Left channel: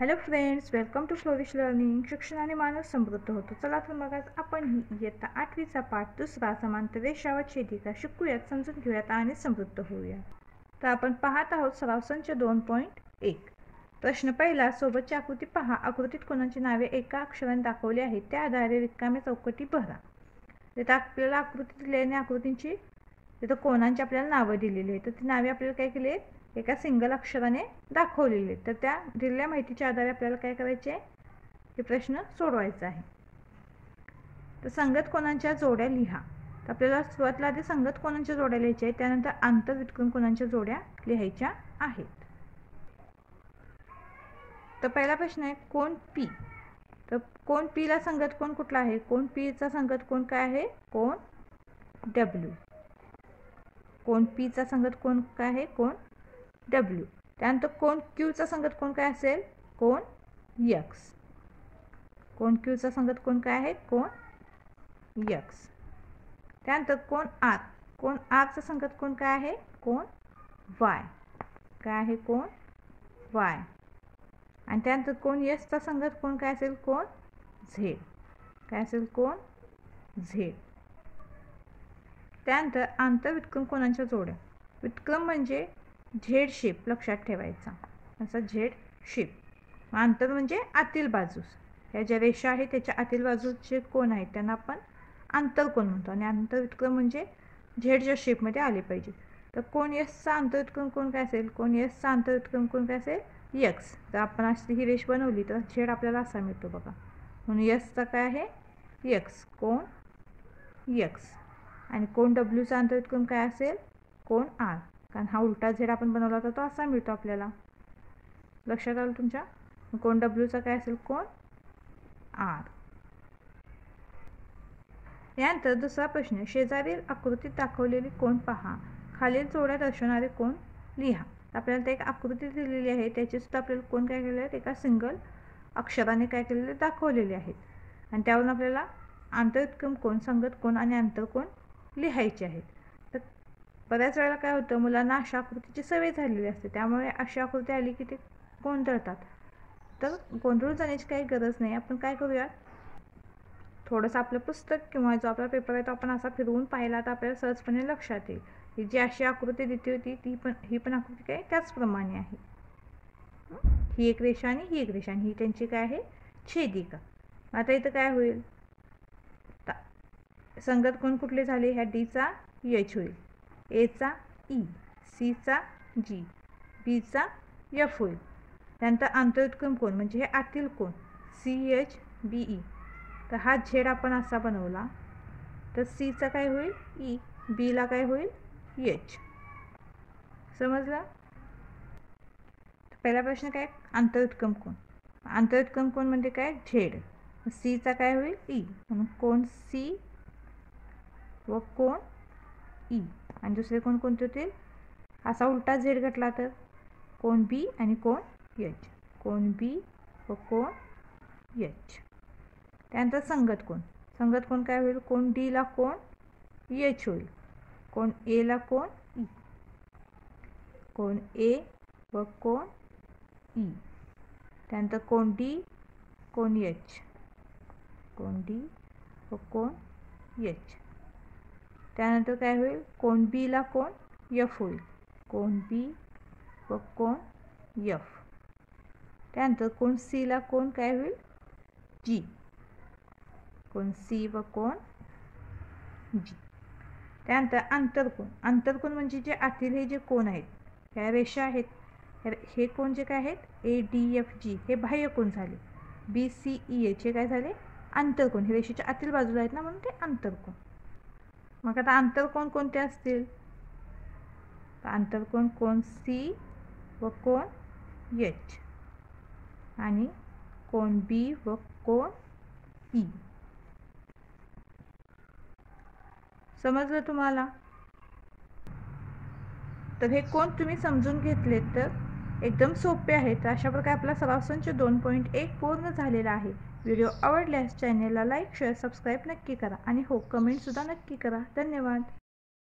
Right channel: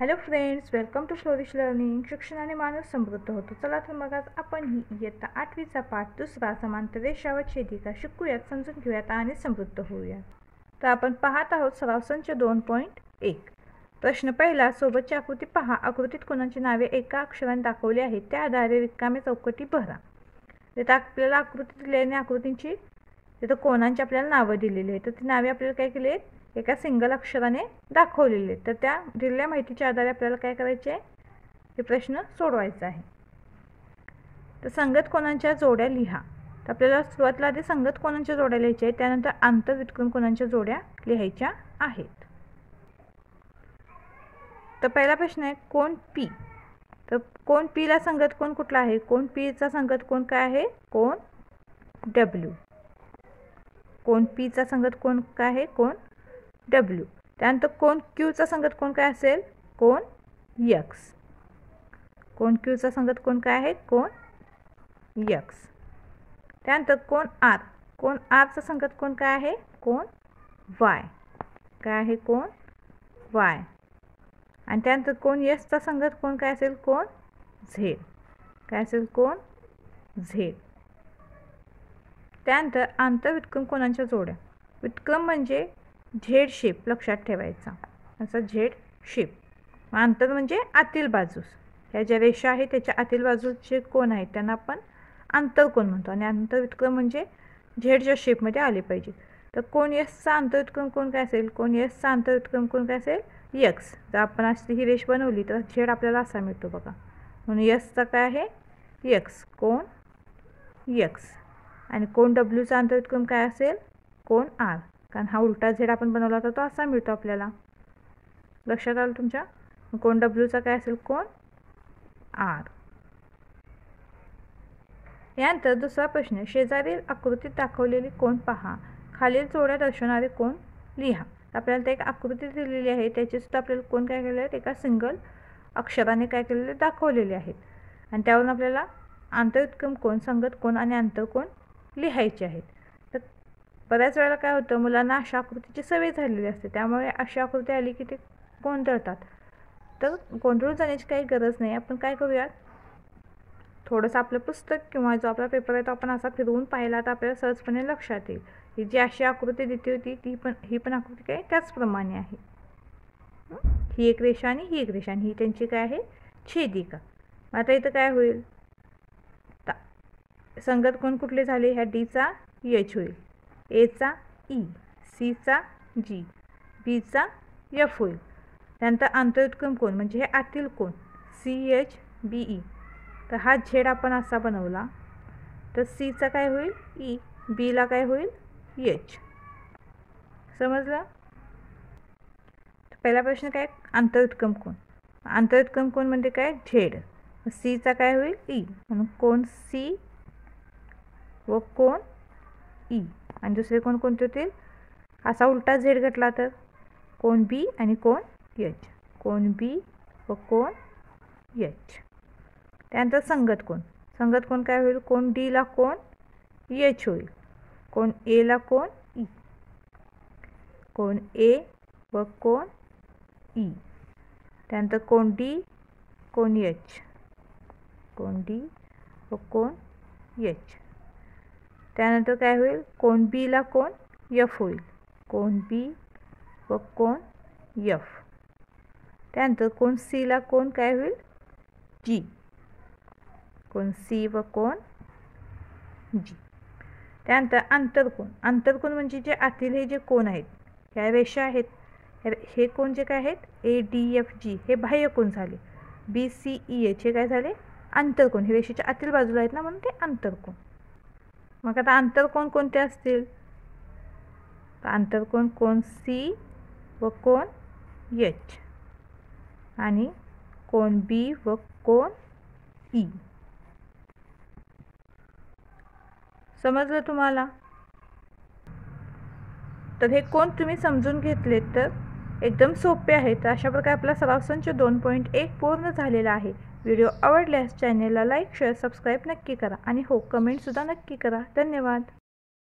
Hello friends, welcome to Flourish Learning. शिक्षणाने माणूस समृद्ध होतो. चला तर मग आज आपण ही इयत्ता 8वीचा पाठ दुसरा समांतर रेषा व छेदिका शिकूयात, समजून घेऊयात आणि समृद्ध होऊया. तर आपण पाहत आहोत सराव संच 2.1. प्रश्न पहिला, सोबतची आकृती पहा. आकृतीत कोणाची नावे एका अक्षराने दाखवली आहेत, त्या आधारे रिकाम्या चौकटी भरा. तिथे आपल्याला आकृती दिल्याने आकृतींची तिथं कोणांची आपल्याला नावं दिलेली आहेत, तर ती नावे आपल्याला काय केली आहेत, एका सिंगल अक्षराने दाखवलेले. तर त्या दिलेल्या माहितीच्या आधारे आपल्याला काय करायचे, हे प्रश्न सोडवायचा आहे. तर संगत कोणांच्या जोड्या लिहा. तर आपल्याला सुरुवातीला आधी संगत कोणांच्या जोड्या लिहायच्या आहेत, त्यानंतर आंतरव्युत्क्रम कोणांच्या जोड्या लिहायच्या आहेत. तर पहिला प्रश्न आहे कोण पी. तर कोण पी ला संगत कोण कुठला आहे, कोण पी चा संगत कोण काय आहे, कोण डब्ल्यू. कोण पी चा संगत कोण काय आहे, कोण डब्ल्यू. त्यानंतर कोण क्यू चा संगत कोण काय असेल, कोण एक्स. कोण क्यू चा संगत कोण काय आहे, कोण एक्स. त्यानंतर कोण आर. कोण आर चा संगत कोण काय आहे, कोण वाय. काय आहे, कोण वाय. आणि त्यानंतर कोण एस चा संगत कोण काय असेल, कोण झेड. काय असेल, कोण झेड. त्यानंतर आंतरव्युत्क्रम कोणांच्या जोड्या. व्युत्क्रम म्हणजे झेड शेप लक्षात ठेवायचा, असा झेड शेप. आंतर म्हणजे आतील बाजूस, ह्या ज्या रेषा आहेत त्याच्या आतील बाजूचे कोण आहेत त्यांना आपण आंतरकोन म्हणतो. आणि आंतरव्युत्क्रम म्हणजे झेडच्या शेपमध्ये आले पाहिजे. तर कोण एसचा आंतरव्युत्क्रम कोण काय असेल, कोण एसचा आंतरव्युत्क्रम कोण काय असेल, एक्स. जर आपण अशी ही रेष बनवली तर झेड आपल्याला असा मिळतो बघा. म्हणून एसचा काय आहे, एक्स. कोण एक्स. आणि कोण डब्ल्यूचा आंतरव्युत्क्रम काय असेल, कोण आर. कारण हा उलटा झेड आपण बनवला होता तो असा मिळतो आपल्याला. लक्षात आलं तुमच्या. कोण डब्ल्यूचा काय असेल, कोण आर. यानंतर दुसरा प्रश्न, शेजारील आकृतीत दाखवलेली कोण पहा. खालील जोड्या दर्शवणारे कोण लिहा. आपल्याला ते एक आकृती दिलेली आहे, त्याची सुद्धा आपल्याला कोण काय केलेले आहेत, एका सिंगल अक्षराने काय केलेले दाखवलेले आहेत. आणि त्यावरून आपल्याला आंतरव्युत्क्रम कोण, संगत कोण आणि आंतरकोण लिहायचे आहेत. तर बऱ्याच वेळेला काय होतं, मुलांना अशा आकृतीची सवय झालेली असते, त्यामुळे अशी आकृती आली की ते गोंधळतात. तर गोंधळून जाण्याची काही गरज नाही. आपण काय करूयात, थोडंसं आपलं पुस्तक किंवा जो आपला पेपर आहे तो आपण असा फिरवून पाहिला तर आपल्याला सहजपणे लक्षात येईल. ही जी अशी आकृती दिली होती ही पण आकृती काय त्याचप्रमाणे आहे. ही एक रेषा आणि ही एक रेषा आणि ही त्यांची काय आहे, छेदिका. आता इथं काय होईल, संगत कोण कुठले झाले, ह्या डी चा एच होईल, ए चा ई, सी चा जी, बी चा एफ होईल. त्यानंतर आंतरव्युत्क्रम कोण म्हणजे हे आतील कोण, सी एच बी ई. तर हा झेड आपण असा बनवला तर सी चा काय होईल, ई. बी ला काय होईल, एच. समजलं. पहिला प्रश्न काय, आंतरव्युत्क्रम कोण. आंतरव्युत्क्रम कोण म्हणजे काय, झेड. सी चा काय होईल, ई. म्हणून कोण सी व कोण ई. आणि दुसरे कोण कोणते होतील, असा उलटा झेड घटला तर कोण बी आणि कोण एच. कोण बी व कोण एच. त्यानंतर संगत कोण. संगत कोण काय होईल, कोण डी ला कोण एच होईल, कोण ए ला कोण ई. कोण ए व कोण ई. त्यानंतर कोण डी, कोण एच. कोण डी व कोण एच. त्यानंतर काय होईल, कोण बी ला कोण एफ होईल, कोण बी व कोण एफ. त्यानंतर कोण सी ला कोण काय होईल, जी. कोण सी व कोण जी. त्यानंतर आंतरकोण. आंतरकोण म्हणजे जे आतील हे जे कोण आहेत, ह्या रेषा आहेत, हे कोण जे काय आहेत, ए डी एफ जी हे बाह्य कोण झाले. बी सी ई एच हे काय झाले, आंतरकोण. हे रेषेच्या आतील बाजूला आहेत ना, म्हणून ते आंतरकोण. मग आता आंतरकोण कोणते असतील, आंतरकोण कोण सी व कोण एच आणि कोण बी व कोण ई. समजलं तुम्हाला. तर हे कोण तुम्ही समजून घेतलेत तर एकदम सोपे आहेत. तर अशा प्रकारे आपला सराव संच 2.1 पूर्ण झालेला आहे. व्हिडिओ आवडल्यास चॅनेलला लाईक, शेअर, सबस्क्राईब नक्की करा आणि हो, कमेंटसुद्धा नक्की करा. धन्यवाद.